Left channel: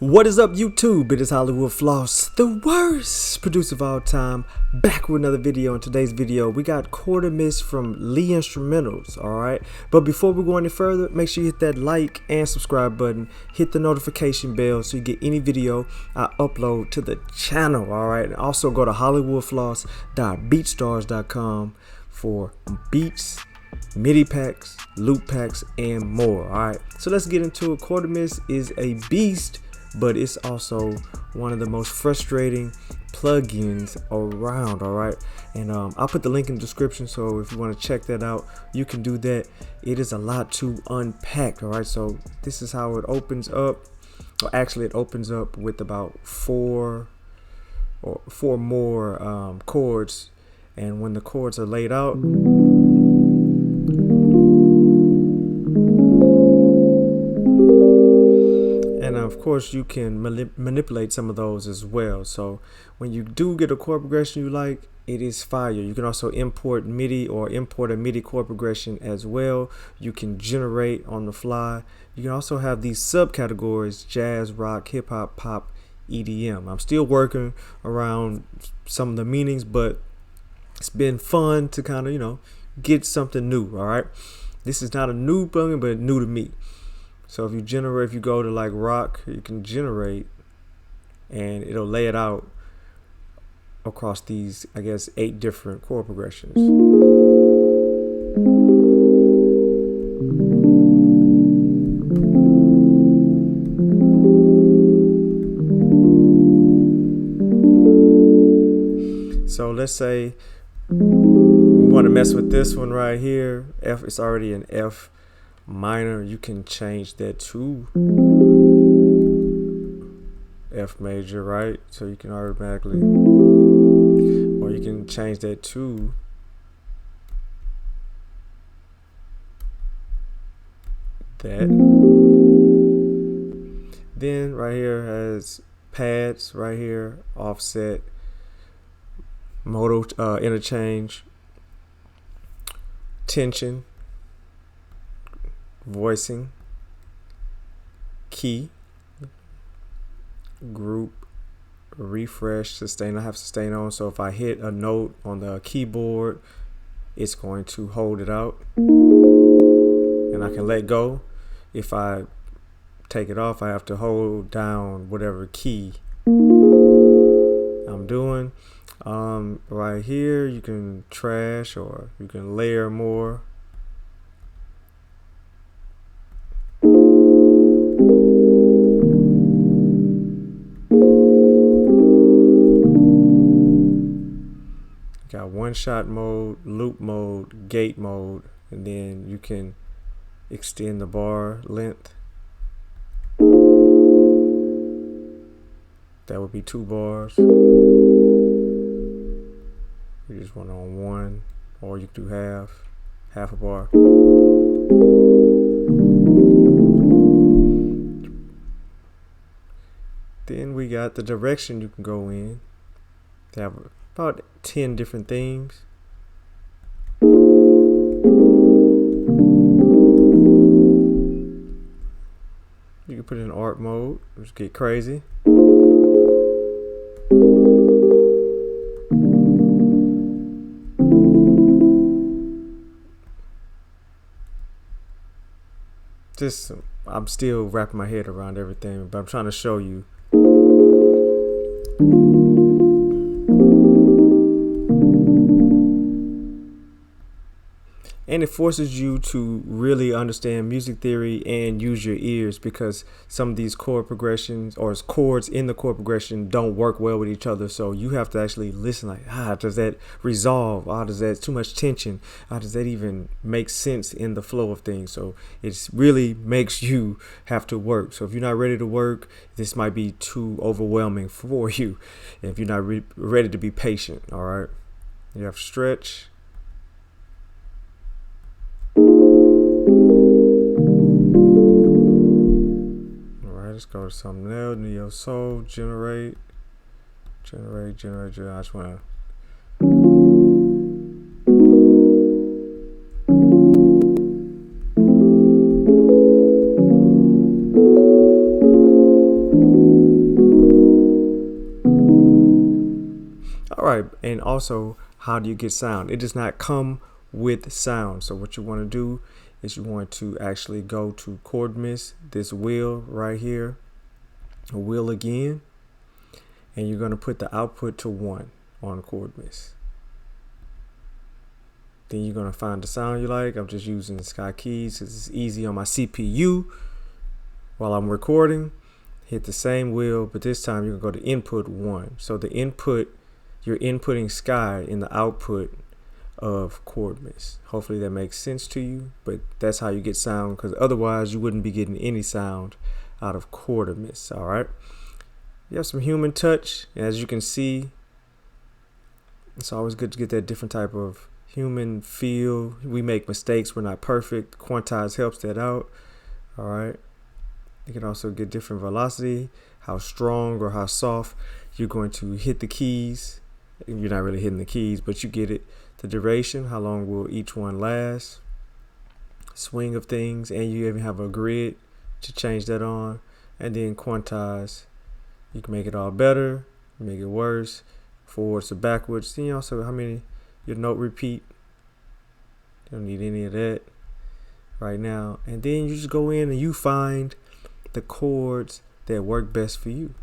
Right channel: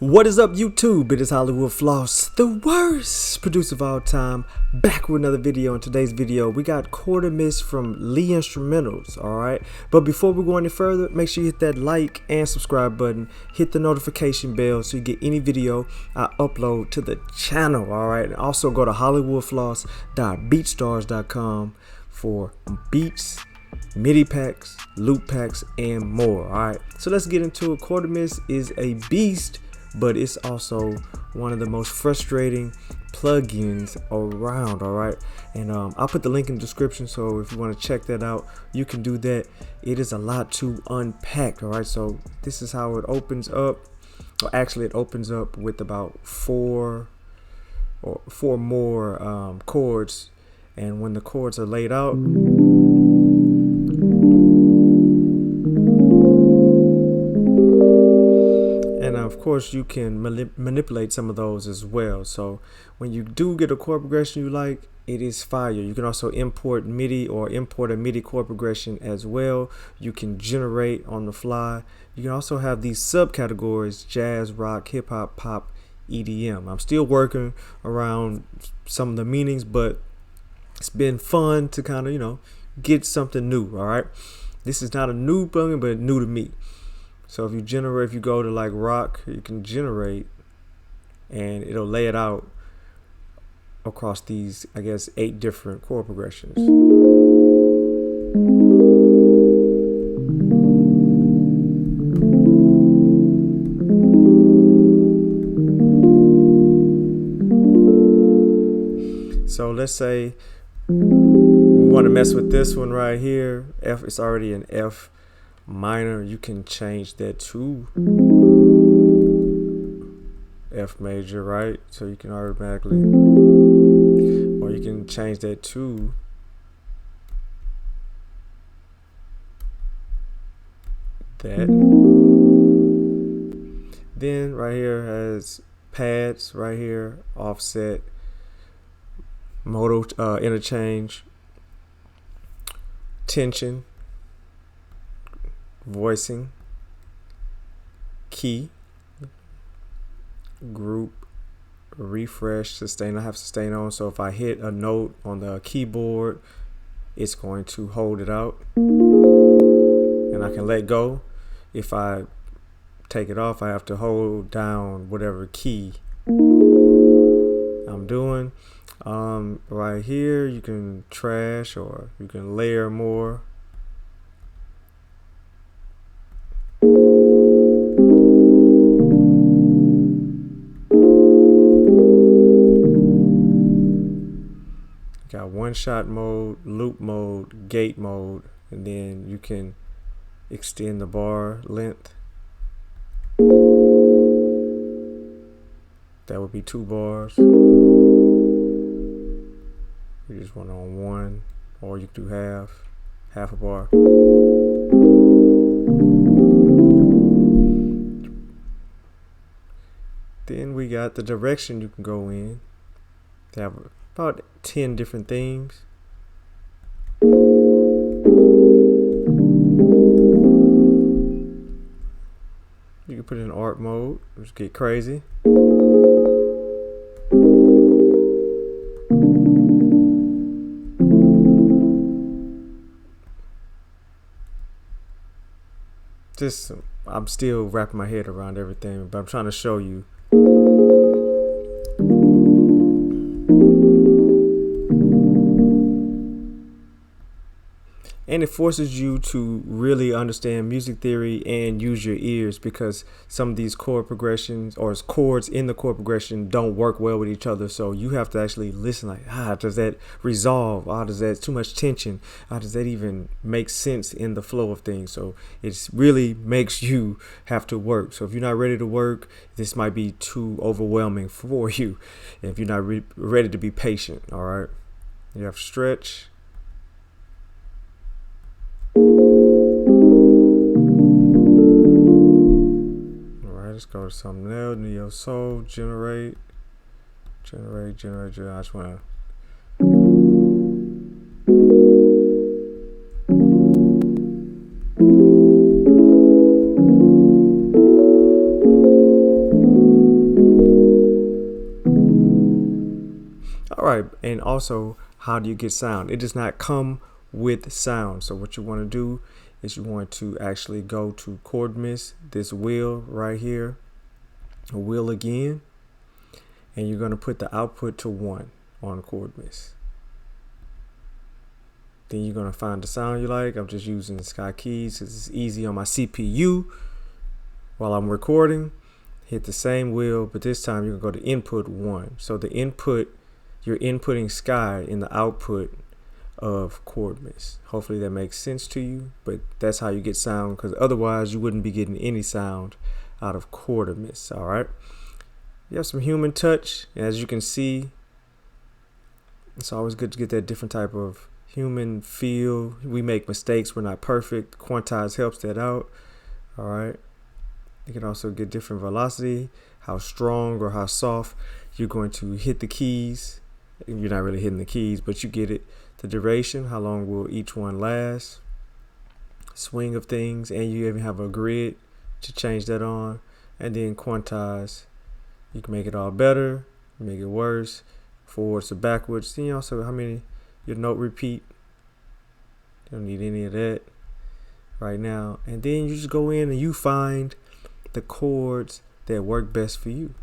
What is up, YouTube? It is Hollywood Floss, the worst producer of all time, back with another video. In today's video, we got CHORDimist from Lee Instrumentals, alright? But before we go any further, make sure you hit that like and subscribe button, hit the notification bell so you get any video I upload to the channel, alright? And also go to hollywoodfloss.beatstars.com for beats, MIDI packs, loop packs, and more. Alright, so let's get into it. CHORDimist is a beast, but it's also one of the most frustrating plugins around. Alright, and I'll put the link in the description, so if you want to check that out, you can do that. It is a lot to unpack. Alright, so this is how it opens up. Or actually, it opens up with about four more chords, and when the chords are laid out, and of course you can manipulate some of those as well. So when you do get a chord progression you like, it is fire. You can also import MIDI or import a MIDI chord progression as well. You can generate on the fly. You can also have these subcategories: jazz, rock, hip hop, pop, EDM. I'm still working around some of the meanings, but it's been fun to kind of, you know, get something new. All right, this is not a new plugin, but new to me. So if you go to like rock, you can generate, and it'll lay it out across these, I guess, 8 different chord progressions. So let's say we want to mess with this one right here. F, it's already an F minor. You can change that to F major, right? So you can automatically, or you can change that to that. Then right here has pads right here, offset, modal interchange, tension, voicing, key, group, refresh, sustain. I have sustain on, so if I hit a note on the keyboard, it's going to hold it out, and I can let go. If I take it off, I have to hold down whatever key I'm doing. Right here you can trash, or you can layer more. Got one shot mode, loop mode, gate mode, and then you can extend the bar length. That would be 2 bars. You just want on 1, or you can do half a bar. Then we got the direction you can go in. They have about 10 different things. You can put it in art mode, just get crazy. I'm still wrapping my head around everything, but I'm trying to show you. And it forces you to really understand music theory and use your ears, because some of these chord progressions or chords in the chord progression don't work well with each other. So you have to actually listen, like, does that resolve? Does that too much tension? Does that even make sense in the flow of things? So it really makes you have to work. So if you're not ready to work, this might be too overwhelming for you. If you're not ready to be patient, all right? You have stretch. Let's go to something else. Neo Soul, generate. I just want to. right, and also how do you get sound? It does not come with sound. So what you want to do is you want to actually go to CHORDimist, this wheel right here, a wheel again, and you're going to put the output to 1 on CHORDimist. Then you're going to find the sound you like. I'm just using Sky Keys because it's easy on my CPU while I'm recording. Hit the same wheel, but this time you're going to go to input 1. So the input, you're inputting Sky in the output of CHORDimist. Hopefully that makes sense to you, but that's how you get sound, because otherwise you wouldn't be getting any sound out of CHORDimist. All right. You have some human touch. As you can see, it's always good to get that different type of human feel. We make mistakes. We're not perfect. Quantize helps that out. All right. You can also get different velocity, how strong or how soft you're going to hit the keys. You're not really hitting the keys, but you get it. The duration, how long will each one last, swing of things, and you even have a grid to change that on. And then quantize. You can make it all better, make it worse, forwards to backwards. Then also how many your note repeat. Don't need any of that right now. And then you just go in and you find the chords that work best for you.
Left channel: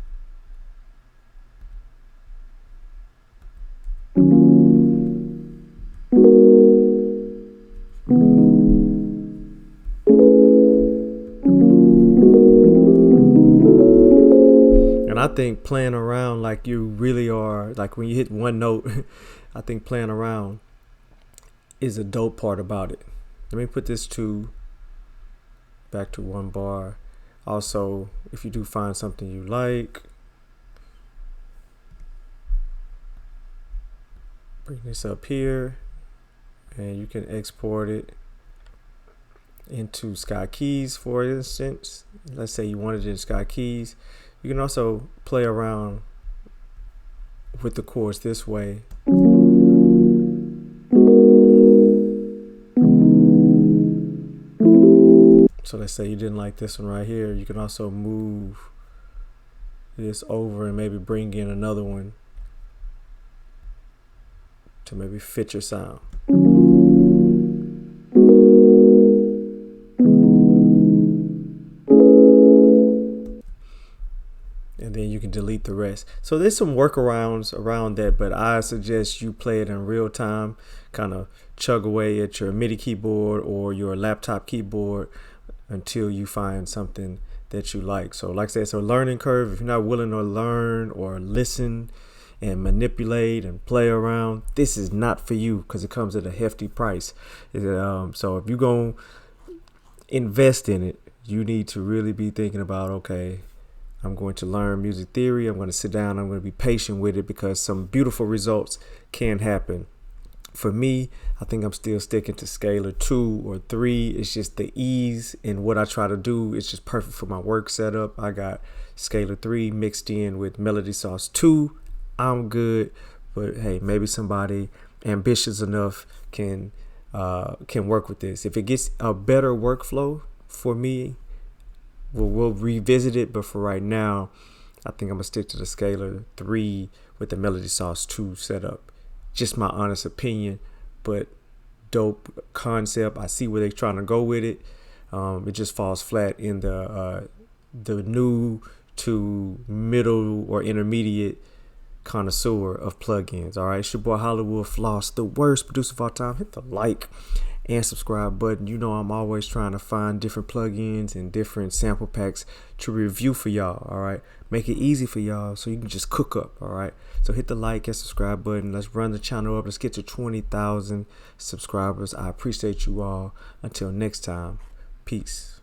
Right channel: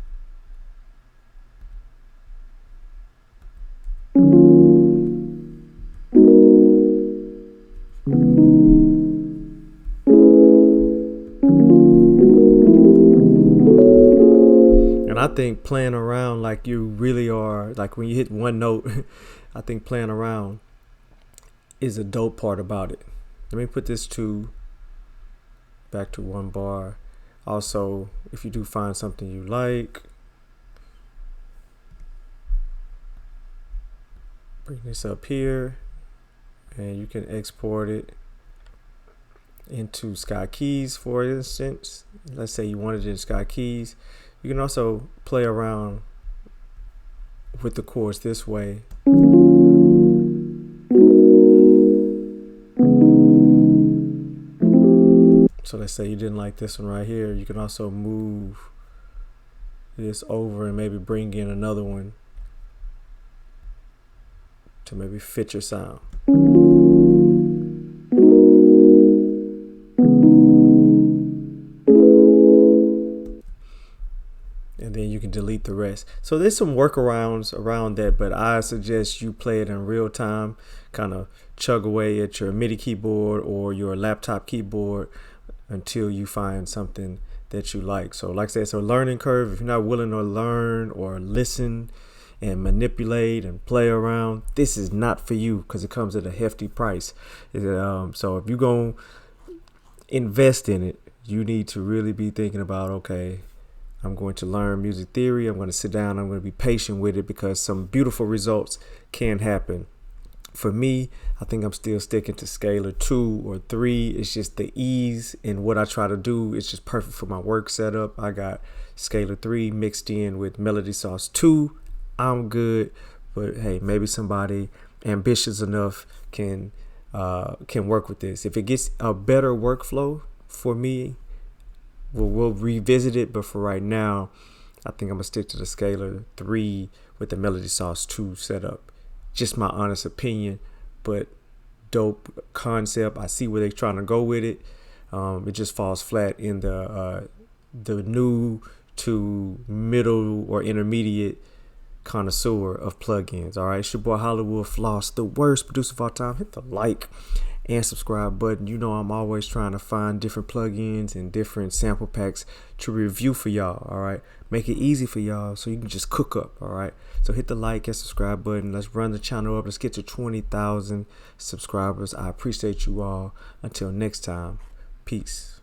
And I think playing around like you really are, like when you hit one note, I think playing around is a dope part about it. Let me put this back to 1 bar. Also, if you do find something you like, bring this up here and you can export it into Sky Keys, for instance. Let's say you wanted it in Sky Keys. You can also play around with the chords this way. So let's say you didn't like this one right here. You can also move this over and maybe bring in another one to maybe fit your sound. And then you can delete the rest. So there's some workarounds around that, but I suggest you play it in real time, kind of chug away at your MIDI keyboard or your laptop keyboard until you find something that you like. So like I said, it's a learning curve. If you're not willing to learn or listen and manipulate and play around, this is not for you, because it comes at a hefty price. So if you're going to invest in it, you need to really be thinking about, okay, I'm going to learn music theory. I'm going to sit down. I'm going to be patient with it, because some beautiful results can happen. For me, I think I'm still sticking to scalar 2 or 3. It's just the ease in what I try to do. It's just perfect for my work setup. I got scalar 3 mixed in with Melody Sauce 2. I'm good, but hey, maybe somebody ambitious enough can work with this. If it gets a better workflow for me, we'll revisit it. But for right now, I think I'm gonna stick to the scalar 3 with the Melody Sauce 2 setup. Just my honest opinion, but dope concept. I see where they're trying to go with it. It just falls flat in the new to middle or intermediate connoisseur of plugins. All right, it's your boy Hollywood Floss, the worst producer of all time. Hit the like and subscribe button. You know I'm always trying to find different plugins and different sample packs to review for y'all. All right, make it easy for y'all so you can just cook up. All right, so hit the like and subscribe button. Let's run the channel up. Let's get to 20,000 subscribers. I appreciate you all. Until next time, peace.